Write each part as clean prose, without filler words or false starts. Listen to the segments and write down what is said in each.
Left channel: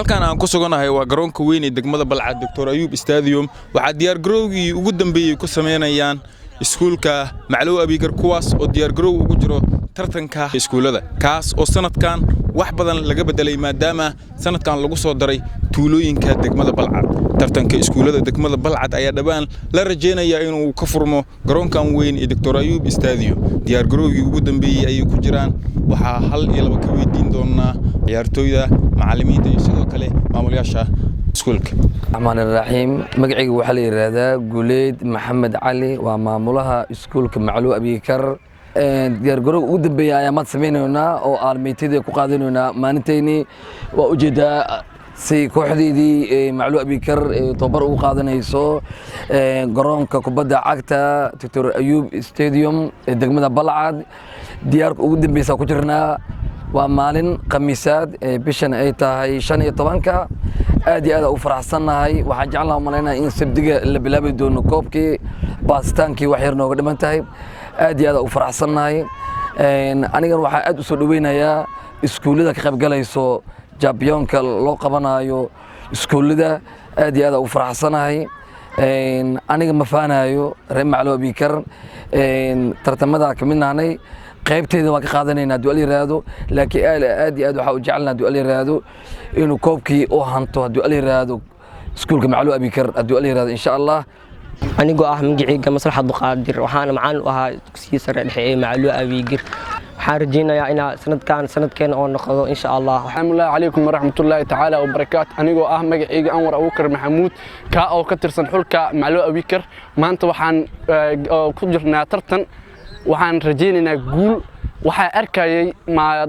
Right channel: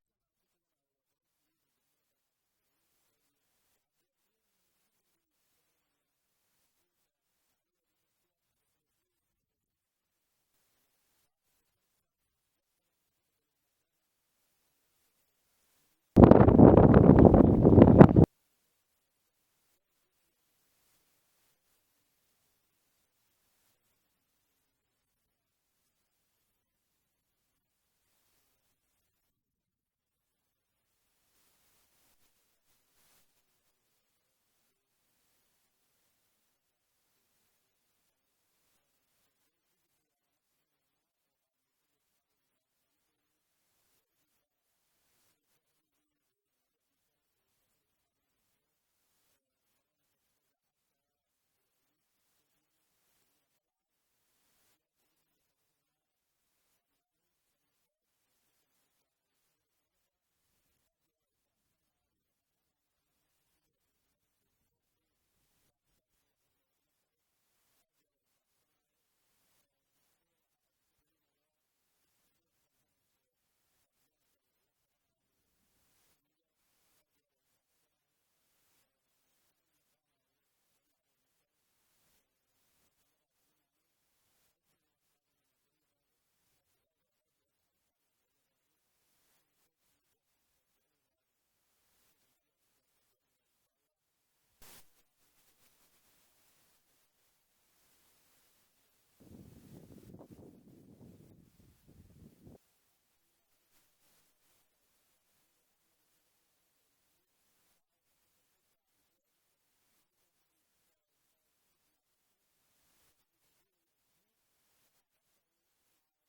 halkan aan ku suganahay waa garoonka weyn ee degmada Balcad Dr. Ayub Stadium waxa diyaar garowgii ugu dambeeyay ku sameynayaan iskuulka Macluw Abigar kuwaas oo diyaar garow ugu jiro tartanka iskuulada kaas oo sanadkan wax badan laga bedelay maadaama sanadkan lagu soo daray tuulooyinka degmada Balcad tartanka iskuulada degmada Balcad ayaa dhawaan la rajeenayaa inuu ka furmo garoonkan weyn ee Dr. Ayub Stadium diyaar garowgii ugu dambeeyay ay ku jiraan waxa hal iyo laba ka weydiin doonaa ciyaartooyda macallimiinta iyo sidoo kale maamulayaasha iskuulka. Rahmaan Rahiim magacaygu waxa la yiraahdaa Guleed Maxamed Cali waa maamulaha iskuulka Macluw Abigar diyaar garow ugu dambeeyay ayaa maad sameeynayna oo aalmeeytida ku qaadanayna maalinteeni waa ujeedaa si kooxdeedii Macluw Abigar tababar ugu qaadanayso garoonka kubadda cagta Dr. Ayub Stadium ee degmada Balcad diyaar ugu dambeeyay ku jirnaa waa maalin khamiisaad bishan ay tahay 15ka aad iyo aad u faraxsanahay waxaan jeclahay malaynaa in sabdiga la bilaabi doono koobkii baastaankii wax yar nooga dhiman tahay aad iyo aad u faraxsanahay aniga waxaan aad u soo dhaweynayaa iskuulada ka qayb galayso championka loo qabanayo iskuulada aad iyo aad u faraxsanahay aniga ma faanayo reer Macluw Abigar tartamada ka midnaanay qaybteeda waa ka qaadanayna du'al yiraahdo laakiin aad iyo aad waxa u jecelnaa du'al yiraahdo inuu koobkii oo hanto du'al yiraahdo iskuulka Macluw Abigar du'al yiraahdo insha Allah anigoo ah magacayga Maslaxad Qaadir waxaan macaan u ahaa dugsiga sare dhexe ee Macluw Abigar waxaan rajeynayaa in sanadkan oo noqdo insha Allah. Assalamu alaykum warahmatullahi ta'ala wa barakaatuh anigoo ah magacayga Anwar Abuukar Maxamuud ka oo ka tirsan xulka Macluw Abigar maanta waxaan ku jirnaa tartan waxaan rajeynaynaa guul waxa arkayay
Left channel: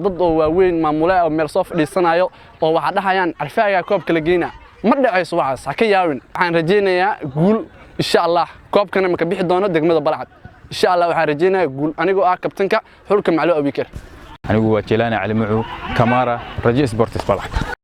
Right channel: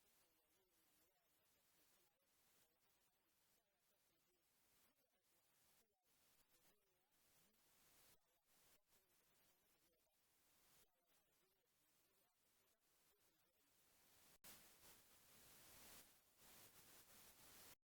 dad oo waaweyn maamulaha meel soo fadhiisanayo oo waxa dhahayaan arfaaga koobka la geeyna ma dhacayso waxaas ha ka yaawin waxaan rajeynayaa guul insha Allah koobkana ma ka bixi doono degmada Balcad insha Allah waxaan rajeynayaa guul anigoo ah kabtanka xulka Macluw Abigar anigu waa Jelaani Cali Mucu Kamara Rajo Sports Balcad.